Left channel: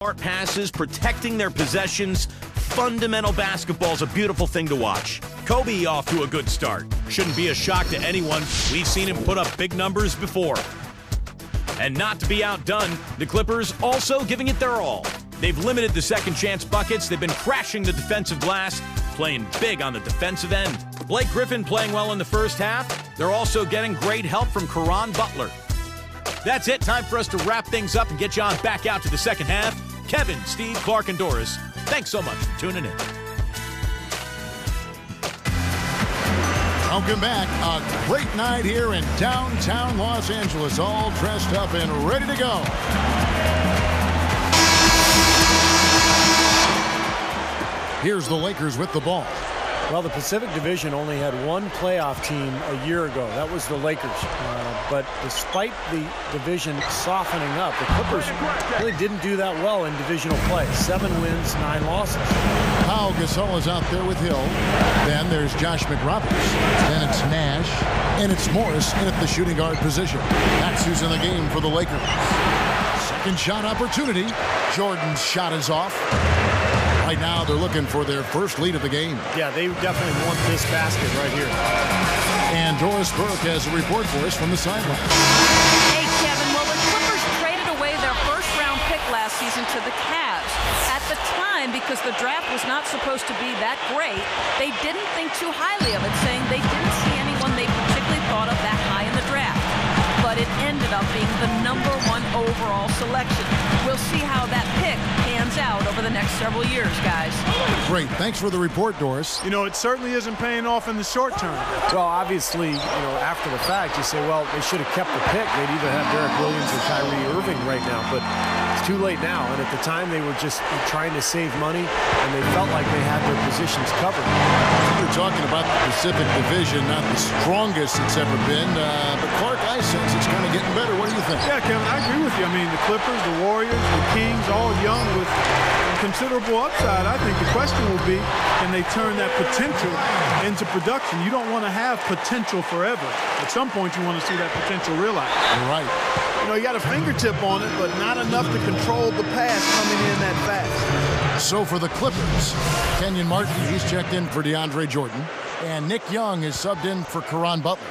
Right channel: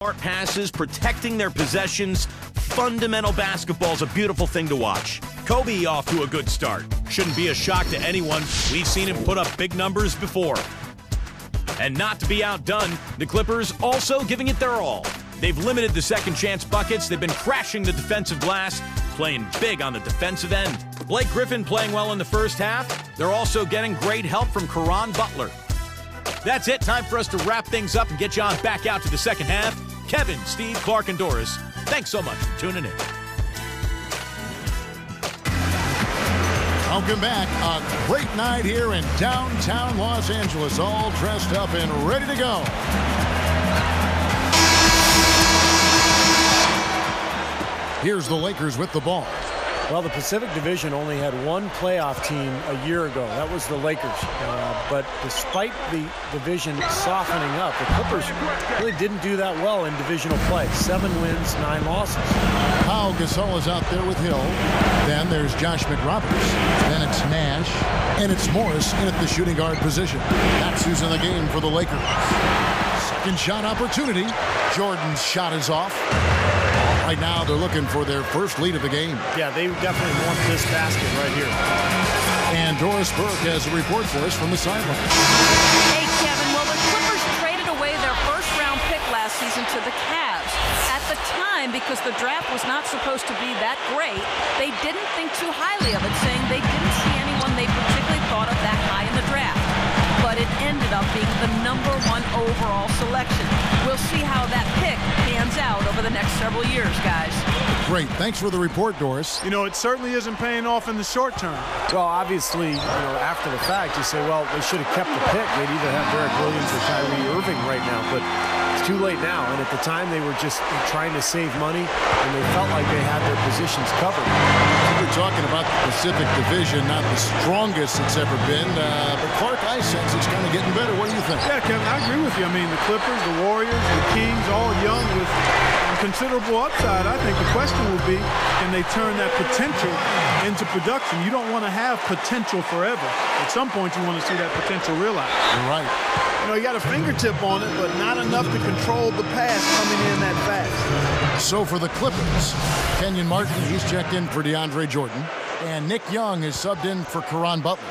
Smart passes, protecting their possessions. Fundamental basketball's a beautiful thing to watch. Kobe off to a good start. Shouldn't be a shock to anyone. We've seen him put up big numbers before. And not to be outdone, the Clippers also giving it their all. They've limited the second chance buckets. They've been crashing the defensive glass, playing big on the defensive end. Blake Griffin playing well in the first half. They're also getting great help from Caron Butler. That's it. Time for us to wrap things up and get you on back out to the second half. Kevin, Steve, Clark, and Doris, thanks so much for tuning in. Welcome back. A great night here in downtown Los Angeles, all dressed up and ready to go. Here's the Lakers with the ball. Well, the Pacific Division only had one playoff team a year ago. That was the Lakers. But despite the division softening up, the Clippers really didn't do that well in divisional play. 7 wins, 9 losses. Pau Gasol is out there with Hill. Then there's Josh McRoberts. Then it's Nash. And it's Morris in at the shooting guard position. That's who's in the game for the Lakers. Second shot opportunity. Jordan's shot is off. Right now, they're looking for their first lead of the game. Yeah, they definitely want this basket right here. And Doris Burke has a report for us from the sideline. Hey, Kevin. Well, the Clippers traded away their first-round pick last season to the Cavs. At the time, because the draft was not supposed to be that great, they didn't think too highly of it, saying they didn't see anyone they particularly thought of that high in the draft. But it ended up being the #1 overall selection. We'll see how that pick pans out over the next several years, guys. Great. Thanks for the report, Doris. You know, it certainly isn't paying off in the short term. Well, obviously, after the fact, you say, well, they should have kept the pick. They'd either have Derek Williams or Kyrie Irving right now. But it's too late now. And at the time, they were just trying to save money, and they felt like they had their positions covered. We're talking about the Pacific Division, not the strongest it's ever been. But, Clark, I sense it's kind of getting better. What do you think? Yeah, Kevin, I agree with you. I mean, the Clippers, the Warriors, the Kings, all young with considerable upside. I think the question will be, can they turn that potential into production? You don't want to have potential forever. At some point, you want to see that potential realized. You're right. You know, you got a fingertip on it, but not enough to control the pass coming in that fast. So for the Clippers, Kenyon Martin, he's checked in for DeAndre Jordan. And Nick Young is subbed in for Caron Butler.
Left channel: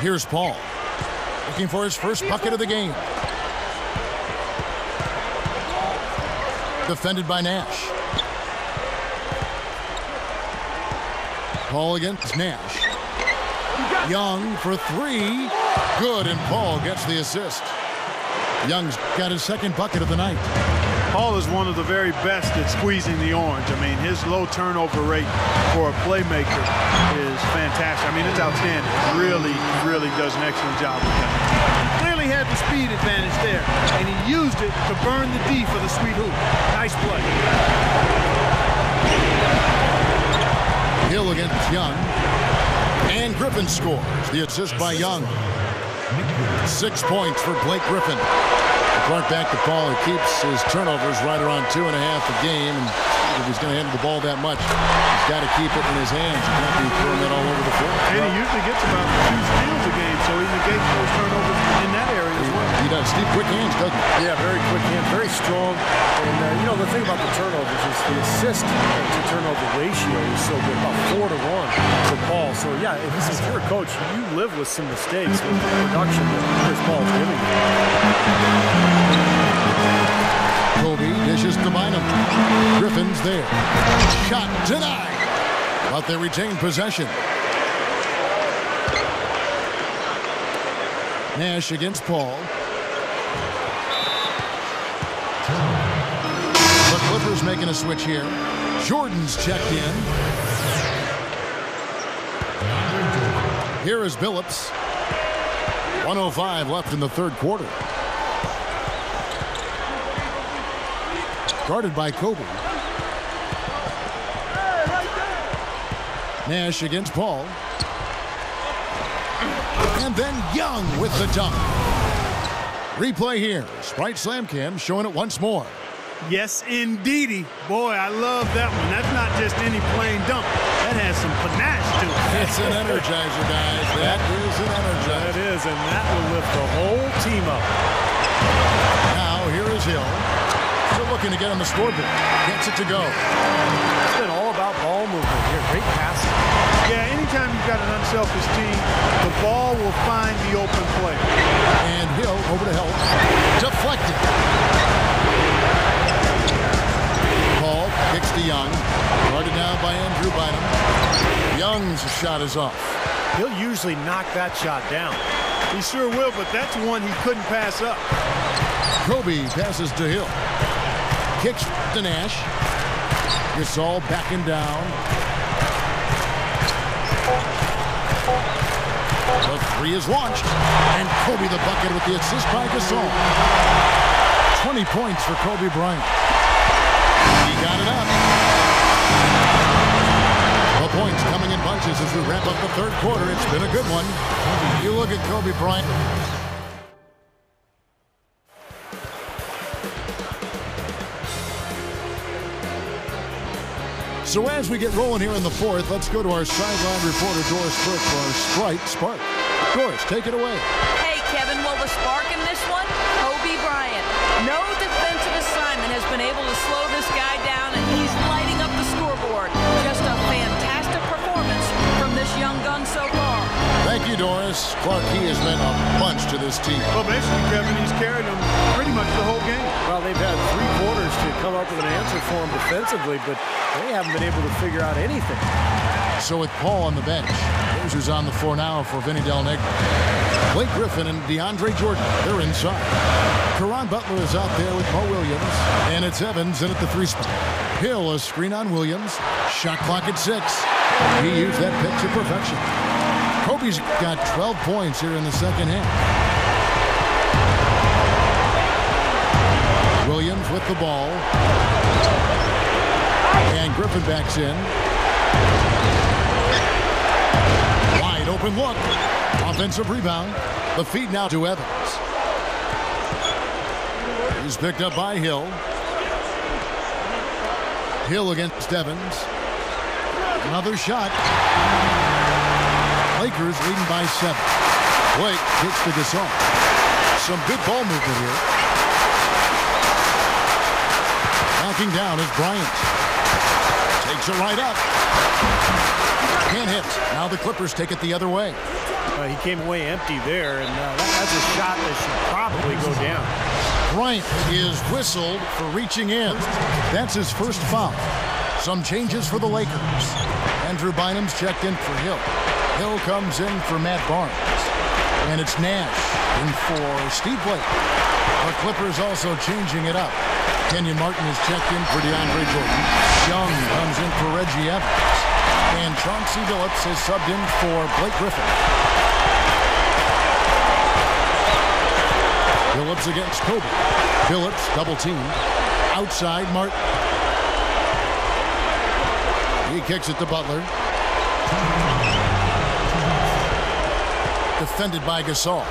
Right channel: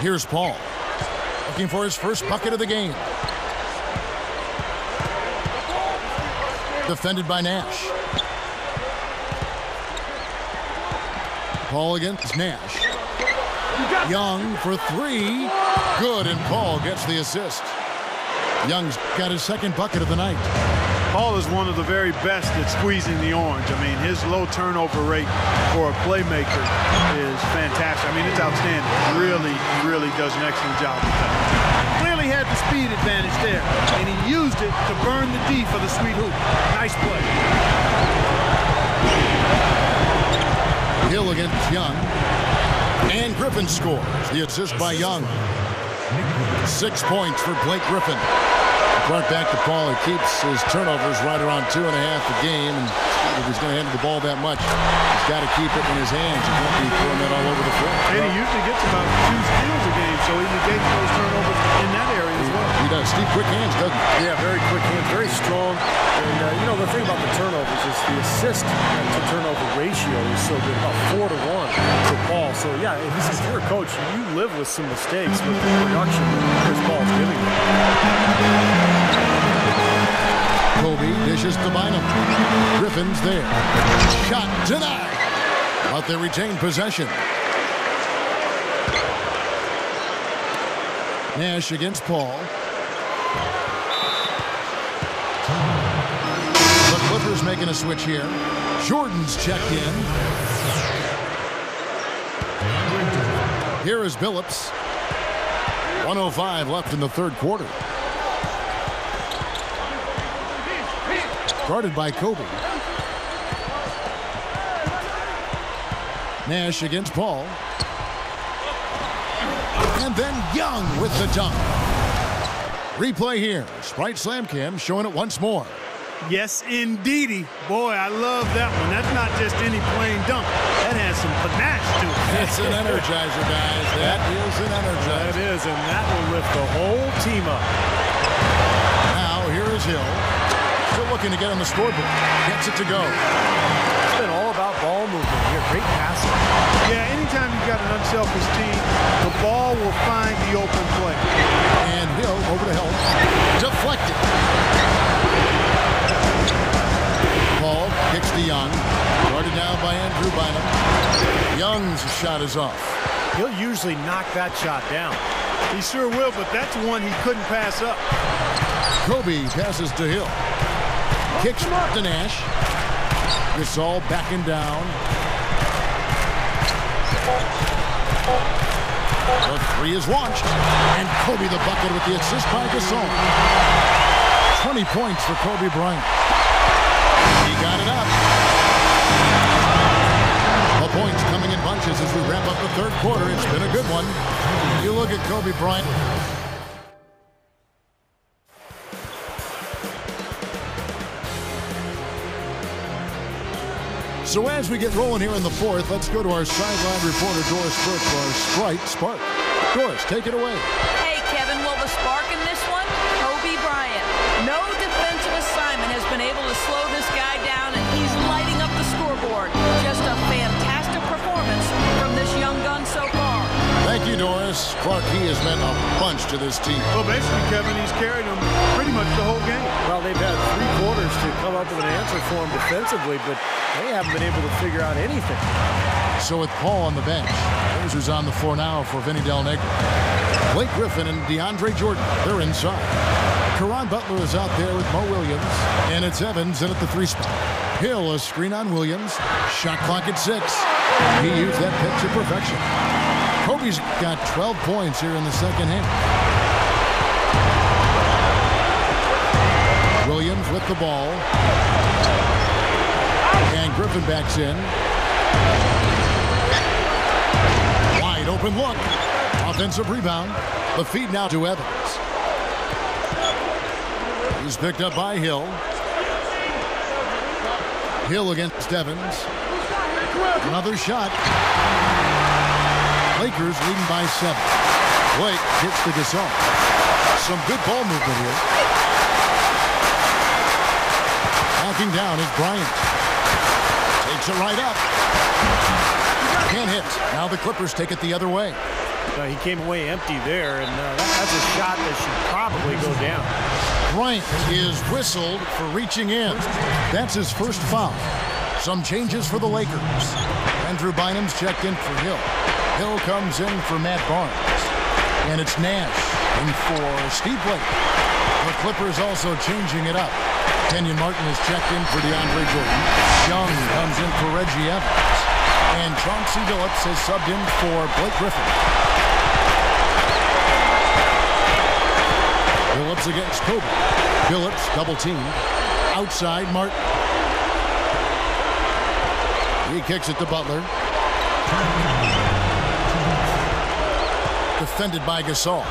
Here's Paul, looking for his first bucket of the game. Defended by Nash. Paul against Nash. Young for 3. Good, and Paul gets the assist. Young's got his second bucket of the night. Paul is one of the very best at squeezing the orange. I mean, his low turnover rate for a playmaker is fantastic. I mean, it's outstanding. Really, really does an excellent job with that. He clearly had the speed advantage there, and he used it to burn the D for the sweet hoop. Nice play. Hill against Young. And Griffin scores. The assist by Young. 6 points for Blake Griffin. Clark back to Paul, who keeps his turnovers right around 2.5 a game. And if he's going to handle the ball that much, he's got to keep it in his hands. He can't be throwing that all over the floor. And he usually gets about 2 steals a game, so he negates those turnovers in that area as well. He does. Steve, quick hands, doesn't he? Yeah, very quick hands, very strong. And, the thing about the turnovers is the assist to turnover ratio is so good, about 4 to 1 for Paul. So, yeah, if you're a coach, you live with some mistakes with the production that Chris Paul's giving you. Kobe dishes to Bynum. Griffin's there. Shot denied. But they retain possession. Nash against Paul. The Clippers making a switch here. Jordan's checked in. Here is Billups. 1:05 left in the third quarter. Guarded by Kobe. Nash against Paul. And then Young with the dunk. Replay here. Sprite Slam Cam showing it once more. Yes, indeedy. Boy, I love that one. That's not just any plain dunk. That has some panache to it. That's an energizer, guys. That is an energizer. That is, and that will lift the whole team up. Now, here is Hill. Still looking to get on the scoreboard. Gets it to go. It's been all about ball movement here. Great passing. Yeah, anytime you've got an unselfish team, the ball will find the open player. And Hill over to help. Deflected. Paul kicks to Young. Guarded now by Andrew Bynum. Young's shot is off. He'll usually knock that shot down. He sure will, but that's one he couldn't pass up. Kobe passes to Hill. Kicks to Nash. Gasol backing down. The three is launched. And Kobe the bucket with the assist by Gasol. 20 points for Kobe Bryant. He got it up. The points coming in bunches as we wrap up the third quarter. It's been a good one. You look at Kobe Bryant. So as we get rolling here in the fourth, let's go to our sideline reporter, Doris Burke, for our Sprite Spark. Doris, take it away. Hey, Kevin, well, the spark in this one, Kobe Bryant. No defensive assignment has been able to slow this guy down, and he's lighting up the scoreboard. Just a fantastic performance from this young gun so far. Thank you, Doris. Clark, he has meant a bunch to this team. Well, basically, Kevin, he's carried them pretty much the whole game. Well, they've had 3 quarters to come up with an answer for him defensively, but they haven't been able to figure out anything. So with Paul on the bench, here's who's on the floor now for Vinny Del Negro. Blake Griffin and DeAndre Jordan, they're inside. Caron Butler is out there with Mo Williams, and it's Evans in at the 3 spot. Hill, a screen on Williams. Shot clock at 6. He used that pick to perfection. Kobe's got 12 points here in the second half. Williams with the ball. And Griffin backs in. Wide open look. Offensive rebound. The feed now to Evans. He's picked up by Hill. Hill against Evans. Another shot. Lakers leading by 7. Blake kicks to Gasol. Some good ball movement here. Backing down is Bryant. Takes it right up. Can't hit. Now the Clippers take it the other way. He came away empty there, and that's a shot that should probably go down. Bryant is whistled for reaching in. That's his first foul. Some changes for the Lakers. Andrew Bynum's checked in for Hill. Hill comes in for Matt Barnes. And it's Nash in for Steve Blake. The Clippers also changing it up. Kenyon Martin is checked in for DeAndre Jordan. Young comes in for Reggie Evans. And Chauncey Billups is subbed in for Blake Griffin. Billups against Kobe. Billups double teamed. Outside Martin. He kicks it to Butler. Defended by Gasol.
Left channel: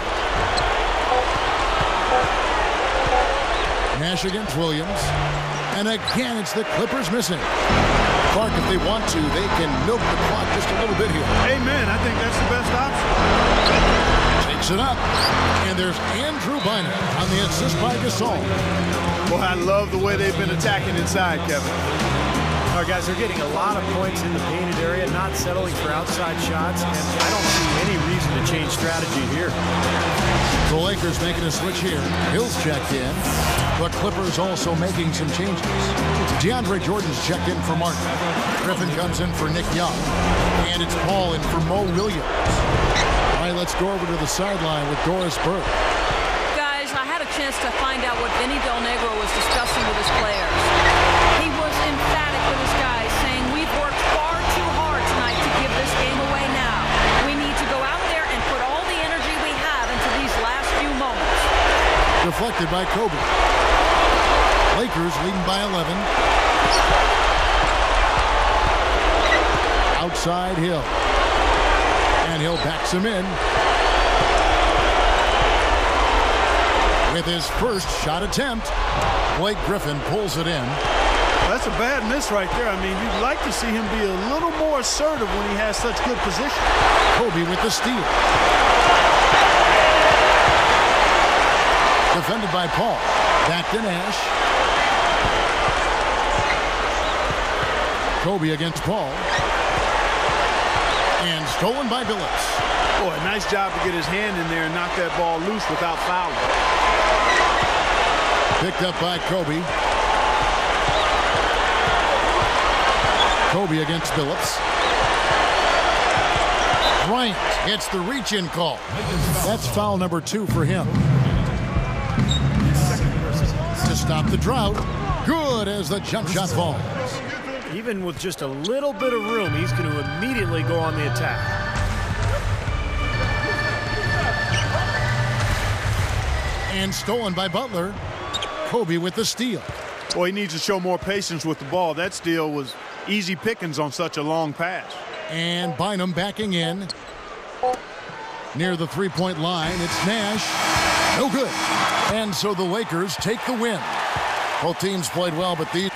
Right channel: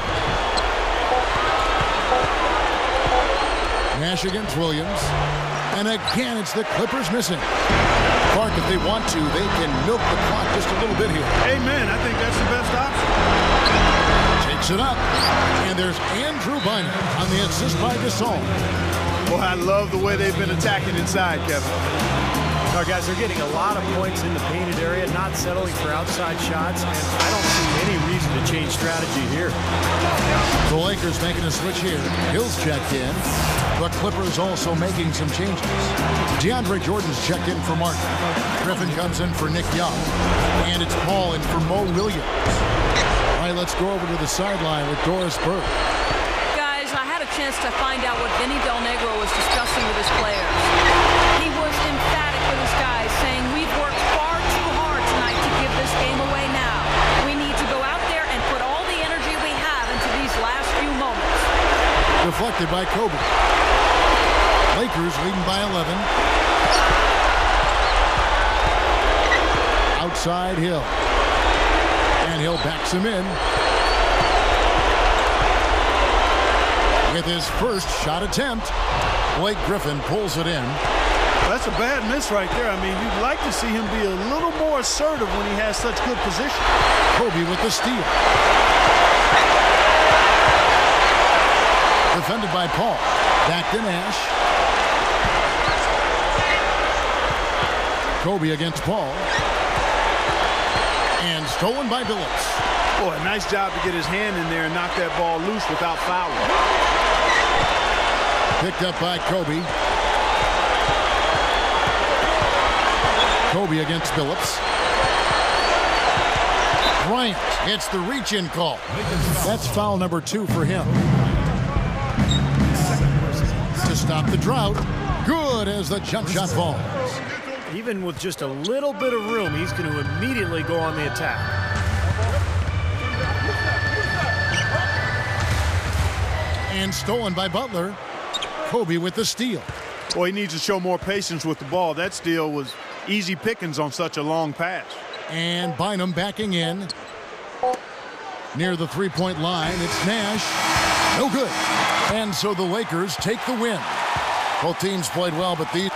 Nash against Williams. And again, it's the Clippers missing. Clark, if they want to, they can milk the clock just a little bit here. Amen. I think that's the best option. Takes it up. And there's Andrew Bynum on the assist by Gasol. Boy, I love the way they've been attacking inside, Kevin. All right, guys, they're getting a lot of points in the painted area, not settling for outside shots, and I don't see any reason to change strategy here. The Lakers making a switch here. Hill's checked in. The Clippers also making some changes. DeAndre Jordan's checked in for Martin. Griffin comes in for Nick Young. And it's Paul in for Mo Williams. All right, let's go over to the sideline with Doris Burke. Guys, I had a chance to find out what Vinny Del Negro was discussing with his players. He was emphatic with his guys, saying, we've worked far too hard tonight to give this game away now. We need to go out there and put all the energy we have into these last few moments. Deflected by Kobe. Lakers leading by 11. Outside Hill. And Hill backs him in. With his first shot attempt, Blake Griffin pulls it in. That's a bad miss right there. I mean, you'd like to see him be a little more assertive when he has such good position. Kobe with the steal. Defended by Paul. Back to Nash. Kobe against Paul. And stolen by Billups. Boy, nice job to get his hand in there and knock that ball loose without fouling. Picked up by Kobe. Kobe against Billups. Bryant gets the reach-in call. That's foul number 2 for him. To stop the drought. Good as the jump shot falls. Even with just a little bit of room, he's going to immediately go on the attack. And stolen by Butler. Kobe with the steal. Boy, he needs to show more patience with the ball. That steal was easy pickings on such a long pass. And Bynum backing in. Near the three-point line, it's Nash. No good. And so the Lakers take the win. Both teams played well, but these